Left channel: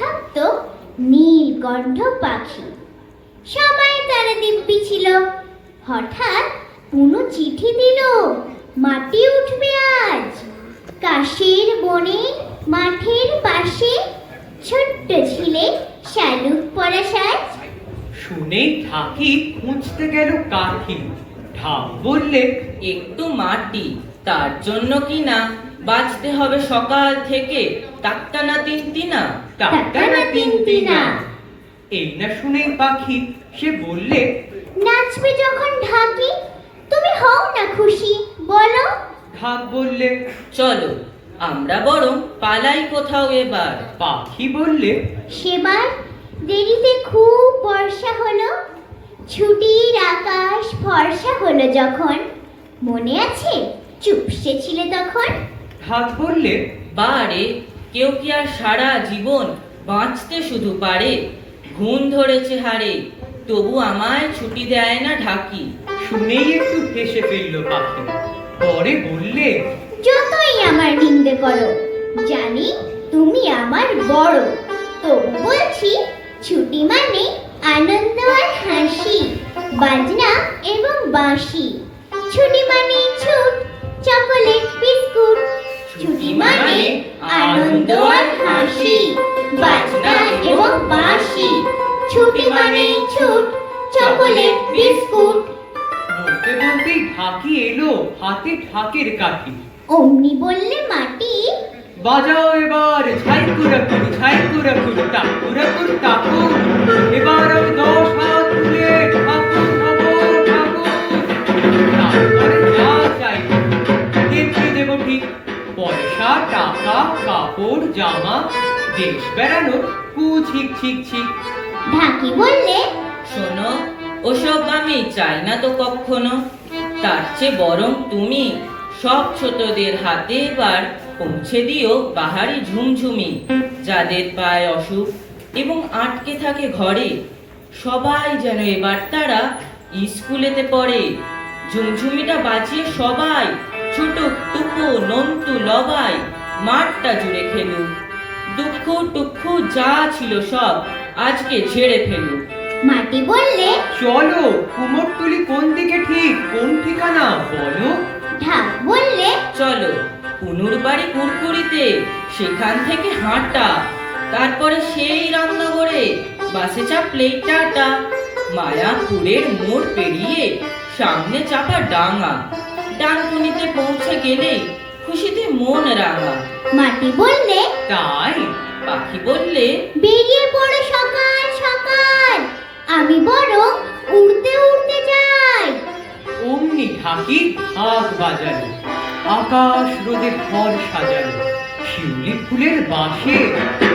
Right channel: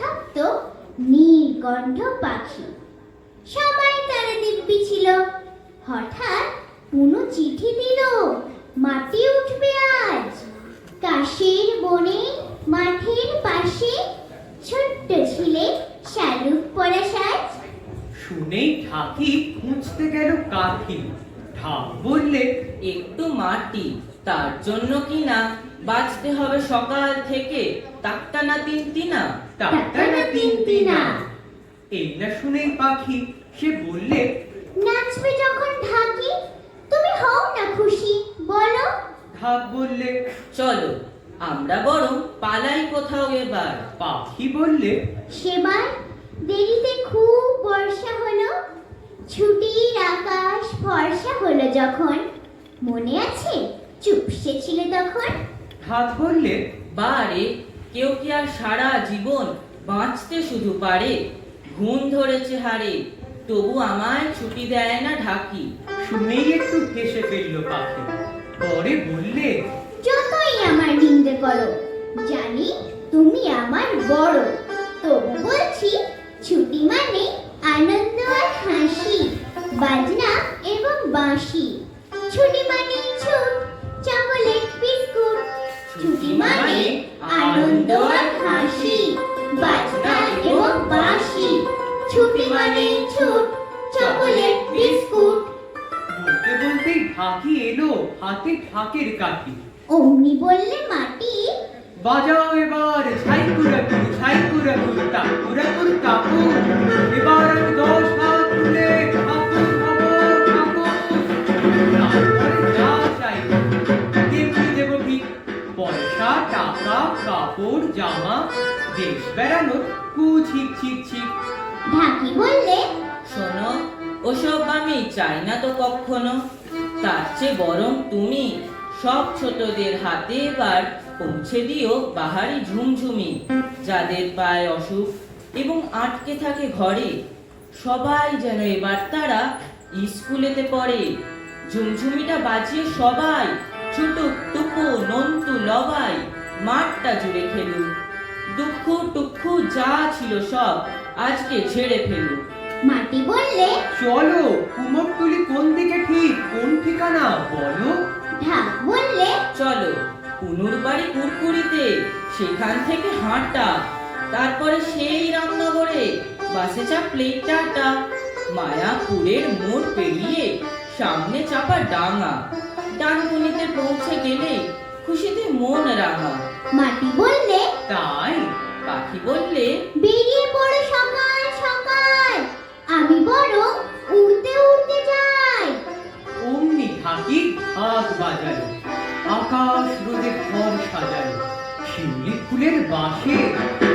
থাকতো নীলকণ্ঠ পাখি। সবাই তারে দিব্যি ছিল। হঠাৎ কোনো চিঠি দিল, মাটি উঠবে আজ। কাশের বনে মাঠের পাশে ছোট্ট ছিলে শালুক পরা সাজ। শুনেই ঢাকি খুঁজতে গেল কাঠি ঢাক বললে একটু মাটি, তার জন্য কি না? বাঁচতে হবে সকাল থেকে। টাক্কা না তিন তিনা টাকা না তিন তিনা এই না শুনেই পাখি সে বললে নাচবে যখন ঢাকি তুমি হও না খুশি বলো। ঢাক বললে চলো আমরা বরং পালাই কোথাও এবার। পাখি বললে সেবার দেরিতে খুব বর্ষা হলো ছুটির আকাশ ফর্সা হলো যখন। মনে আছে চুপসে ছিলে তখন? ঢাক বললে বারে কেউ কি আর সারা জীবন বাঁচতে শুধু পারে? ঘুম ধরেছে হারে তবু আমায় ছুটি দেয় না ঢাকি। শুনেই একটু হেসে ফেলল পাখি। পরে বললে যতই আমার নিন্দে করো জানি তুমি আমার বড়। তবু বলছি ছুটি মানে আনন্দ আর হাসি বাজনা এবং বাঁশি। বলতে বলতেই ঢাকি এলো হাতে ঢাকের কাঠি। অমনি বললে মাটি। বাজাও এবার কুড়ি ছাইকুরা কুড়ি টাকুরা এবার আমি দশ হাত তুলে ঠাকুর খবর তারপরে যা চাইব দেখিয়ে দেবো ঠিক। পয়সা টাকা কাপড় জামা দেশ বেড়ানোর কু ছিক ছিক ছিক ঢাকি বললে শোনো ওসব আমি চাই না তো কখনো। তার চেয়ে বরং তুমি সব ছোটদের হাতে এবার পৌঁছে দিও বাহারি ঝুমঝুমি। যাদের পায় অসুখ এবং আটকে থাকে ঘরে, সবাই যেন এবার তারা স্কুলেতে পড়ে। ঝুমঝুমিটা বাজিয়ে সবাই ছুটুক, টুকু, নন্তু লবাই মাঠটা জুড়ে খেলুক। দুঃখ টুক্ষু যা ছিল সব আজকে ছেড়ে ফেলুক। মাটি বললে? চলো কুমোরটুলি কোন দিকে ঠিক কোন ঠিকানা? বলো। ঢাক বললে? চলো কুনুর বাড়ি কুরকুরিতে সেখান থেকে হাঁটা। তারপরে সেই রামনগরে বাসে চাপলে টাটা। মায়াপুরের মোড় পেরিয়ে সামনে চাপা ডাঙা। ডানকুনিতে পৌঁছে গেলেই খুশিতে মন রাঙা। মাটি বললে? তাই পাখি বললে বেরিয়ে পড়ো সকাল আকাশ রোদে ঘর সাজালো শিউলি ফুলের বাঁশে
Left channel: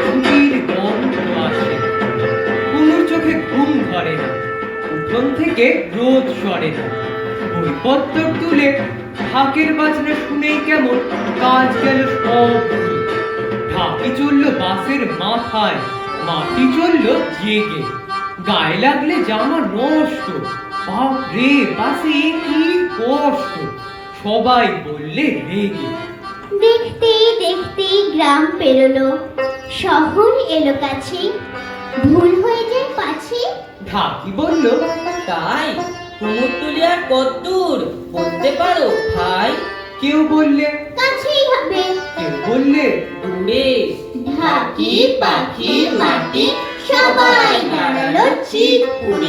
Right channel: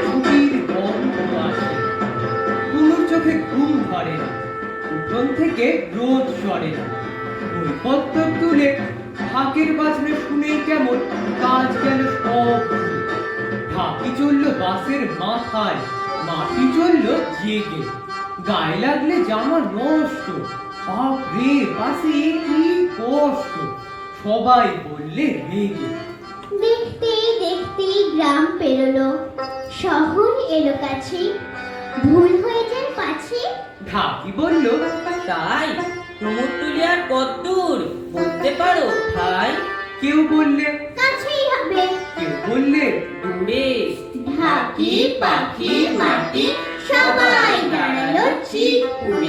ছুটির গন্ধ আসে। কুমুর চোখে ঘুম ধরে, উঠোন থেকে রোদ সরে। বইপত্র তুলে ঢাকের বাজনা শুনেই কেমন কাজ গেল সব ঢাকি চলল বাসের মাথায়, মাটি চলল জেগে। গায়ে লাগলে জামা নষ্ট বাপ রে বাসে কি কষ্ট। সবাই বললে রেগে দেখতেই দেখতেই গ্রাম পেরোলো। শহর এলো কাছে। ভুল হয়ে যায় পাছে? ঢাকি বলল তাই কুমোরটুলি আর কদ্দূর বলতে পারো ভাই? কেউ বললে কাছেই হবে। কেউ বললে দূরে। ঢাকি পাখি মাটি সবাই দাঁড়াল চিৎপুরে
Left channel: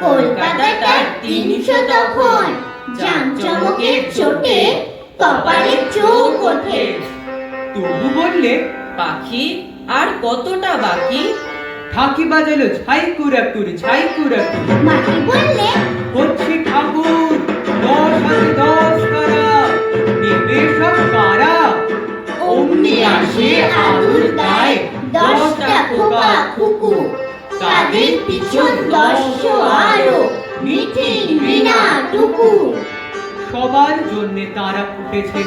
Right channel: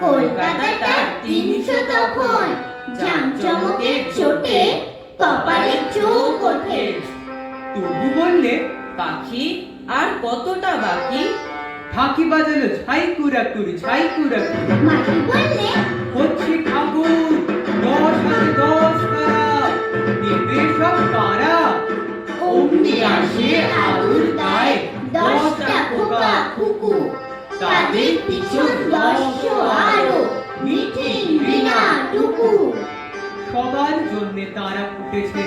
কলকাতাটা তিনশো তখন জামচমকের চোটে কপালে চোখ ওঠে। তবু বললে পাখি আর কতটা বাকি? ঢাকি বাজালো ছাই কুড়া কুড়ি ছাই কুড়ি মাটি বললে হচ্ছে ঠাকুর দশ হাতে দশ কারা নেবে সব কারা অমনি আসে আগুর দায় তাদের পিছন দশশো আরও মিটিং বিনা টুকু। সবার জন্যে তারা ফুটেছে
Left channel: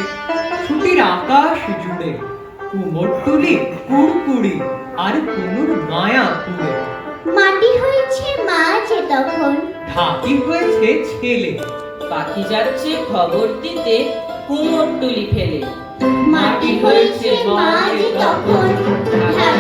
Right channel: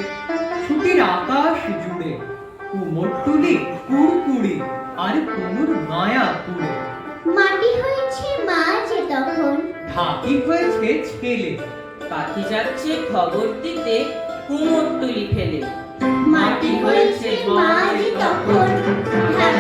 ছুটির আকাশ জুড়ে। কুমোরটুলি কুড়কুড়ি আর কুনুর মায়া পুরে মাটি হয়েছে মাঝে তখন। ঢাকি হয়েছে ছেলে। পাখি যাচ্ছে খবর দিতে কুমোরটুলি ফেলে। মাটি হয়েছে মাঝ তখন। ঢাক